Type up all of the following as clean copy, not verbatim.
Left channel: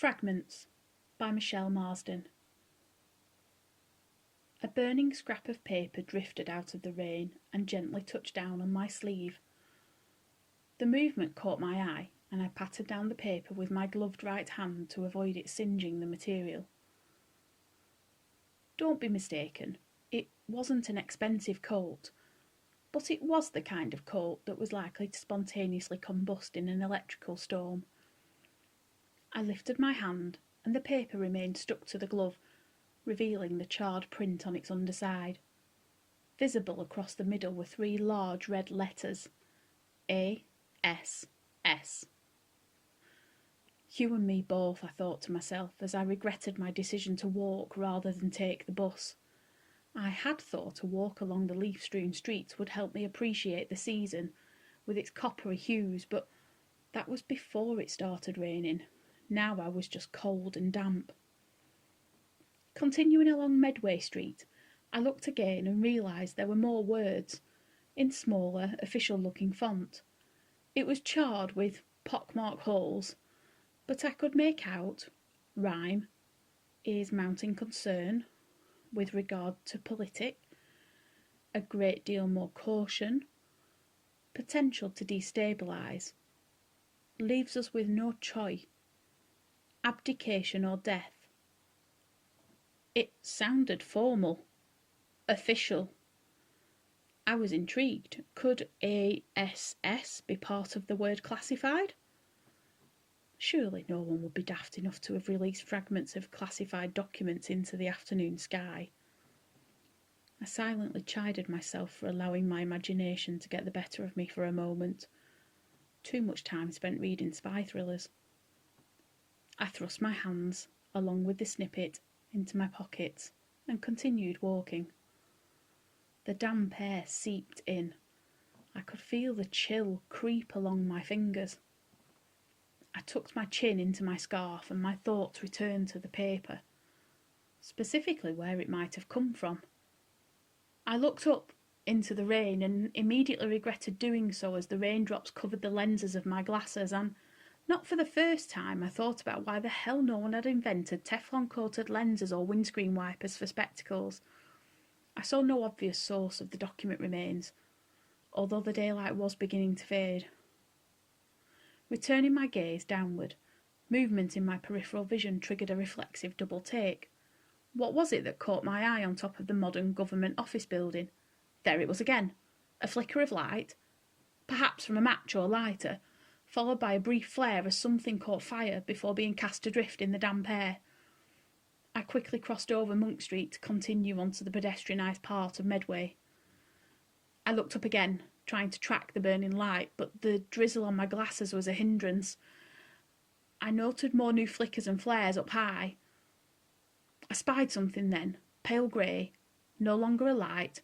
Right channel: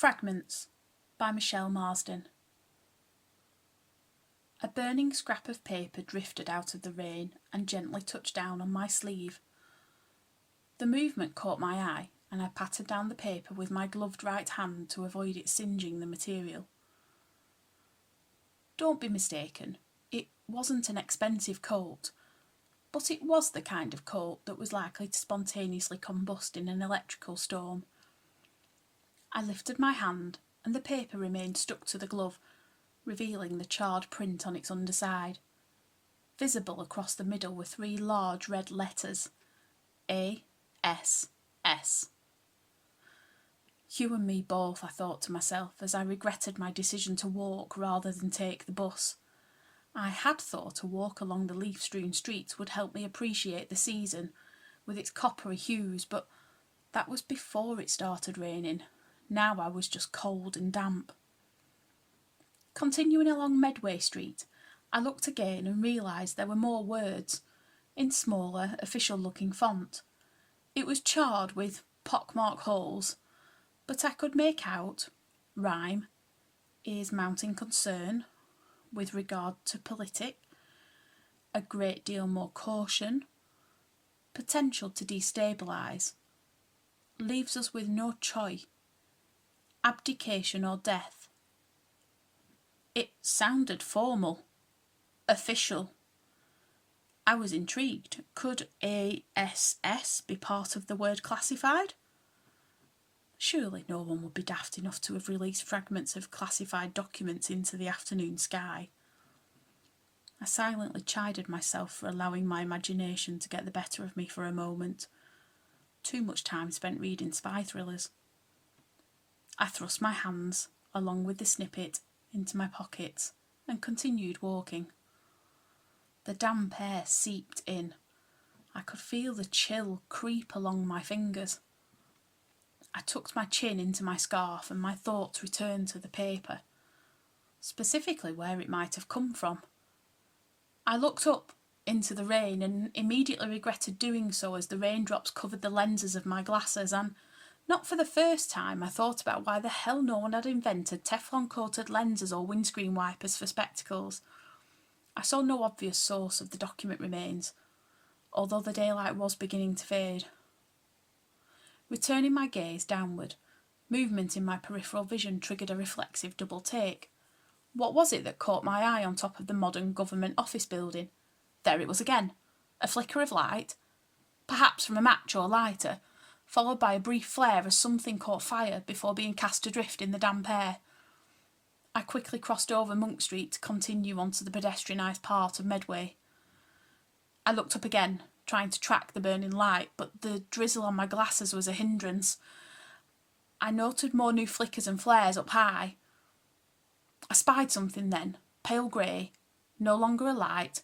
Fragments by Marsden. A burning scrap of paper drifted out of the rain and gently touched down on my sleeve. The movement caught my eye, and I patted down the paper with my gloved right hand to avoid it singeing the material. Don't be mistaken, it wasn't an expensive coat, but it was the kind of coat that was likely to spontaneously combust in an electrical storm. I lifted my hand, and the paper remained stuck to the glove, revealing the charred print on its underside. Visible across the middle were 3 large red letters: A.S.S. You and me both, I thought to myself, as I regretted my decision to walk rather than take the bus. I had thought a walk along the leaf-strewn streets would help me appreciate the season, with its coppery hues, but that was before it started raining. Now I was just cold and damp. Continuing along Medway Street, I looked again and realised there were more words, in smaller, official-looking font. It was charred with pockmarked holes, but I could make out rhyme, is mounting concern, with regard to politic, a great deal more caution, potential to destabilise, leaves us with no choice, abdication or death. It sounded formal, official. I was intrigued. Could ASS be part of the word classified? Surely no one would be daft enough to have released fragments of classified documents into the afternoon sky. I silently chided myself for allowing my imagination to get the better of me for a moment. Too much time spent reading spy thrillers. I thrust my hands, along with the snippet, into my pockets and continued walking. The damp air seeped in. I could feel the chill creep along my fingers. I tucked my chin into my scarf and my thoughts returned to the paper, specifically where it might have come from. I looked up into the rain and immediately regretted doing so as the raindrops covered the lenses of my glasses, and not for the first time I thought about why the hell no one had invented Teflon-coated lenses or windscreen wipers for spectacles. I saw no obvious source of the document remains, although the daylight was beginning to fade. Returning my gaze downward, movement in my peripheral vision triggered a reflexive double take. What was it that caught my eye on top of the modern government office building? There it was again, a flicker of light, perhaps from a match or lighter, followed by a brief flare as something caught fire before being cast adrift in the damp air. I quickly crossed over Monk Street to continue onto the pedestrianised part of Medway. I looked up again, trying to track the burning light, but the drizzle on my glasses was a hindrance. I noted more new flickers and flares up high. I spied something then, pale grey, no longer a light,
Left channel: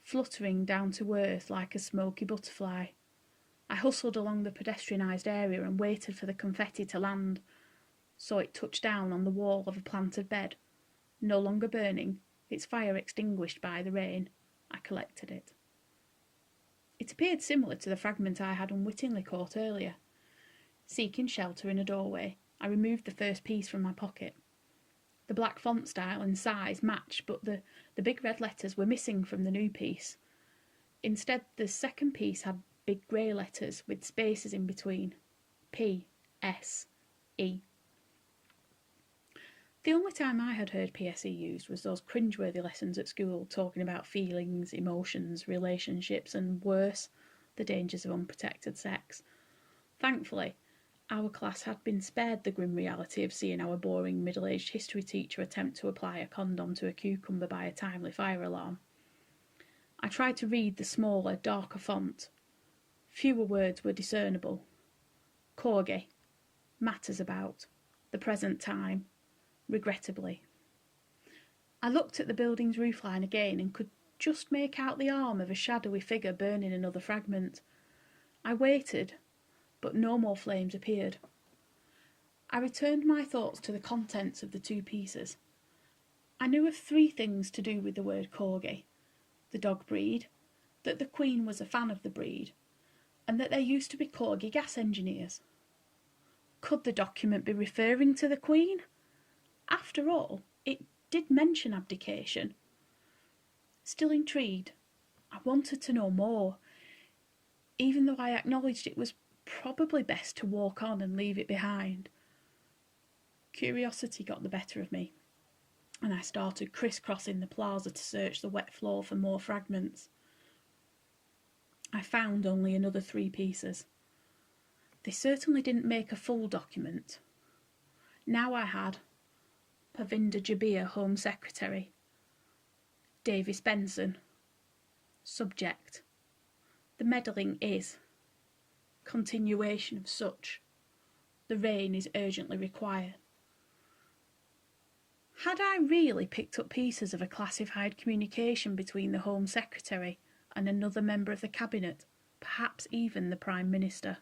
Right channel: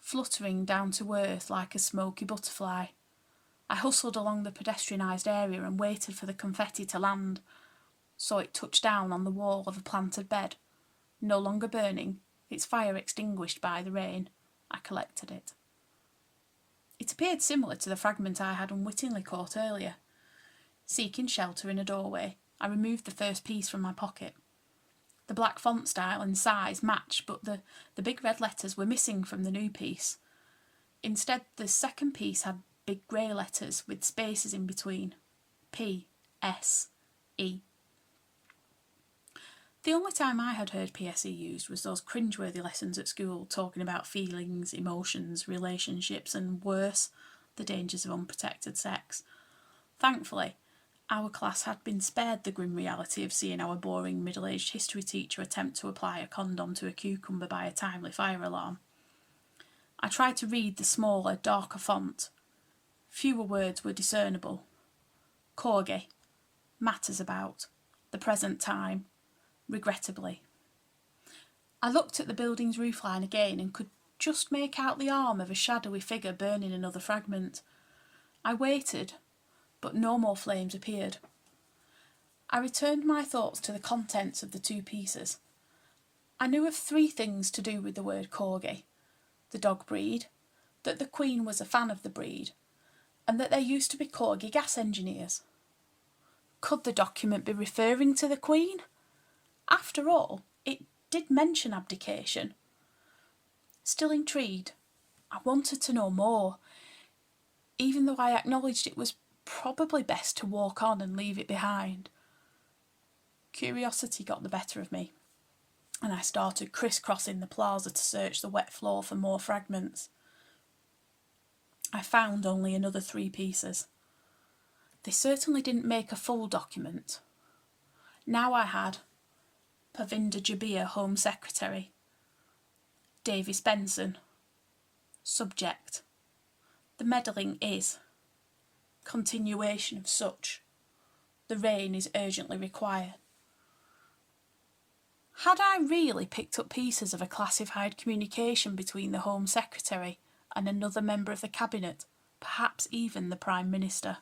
fluttering down to earth like a smoky butterfly. I hustled along the pedestrianised area and waited for the confetti to land. Saw it touch down on the wall of a planted bed. No longer burning, its fire extinguished by the rain. I collected it. It appeared similar to the fragment I had unwittingly caught earlier. Seeking shelter in a doorway, I removed the first piece from my pocket. The black font style and size matched, but the big red letters were missing from the new piece. Instead, the second piece had big grey letters with spaces in between. P.S.E. The only time I had heard PSE used was those cringeworthy lessons at school talking about feelings, emotions, relationships, and worse, the dangers of unprotected sex. Thankfully, our class had been spared the grim reality of seeing our boring middle-aged history teacher attempt to apply a condom to a cucumber by a timely fire alarm. I tried to read the smaller, darker font. Fewer words were discernible. Corgi, matters about, the present time, regrettably. I looked at the building's roofline again and could just make out the arm of a shadowy figure burning another fragment. I waited, but no more flames appeared. I returned my thoughts to the contents of the 2 pieces. I knew of 3 things to do with the word corgi: the dog breed, that the Queen was a fan of the breed, and that there used to be corgi gas engineers. Could the document be referring to the Queen? After all, it did mention abdication. Still intrigued, I wanted to know more, even though I acknowledged it was probably best to walk on and leave it behind. Curiosity got the better of me, and I started crisscrossing the plaza to search the wet floor for more fragments. I found only another 3 pieces. They certainly didn't make a full document. Now I had Pavinder Jabir, Home Secretary. Davis Benson. Subject: the meddling is. Continuation of such. The rain is urgently required. Had I really picked up pieces of a classified communication between the Home Secretary and another member of the Cabinet, perhaps even the Prime Minister?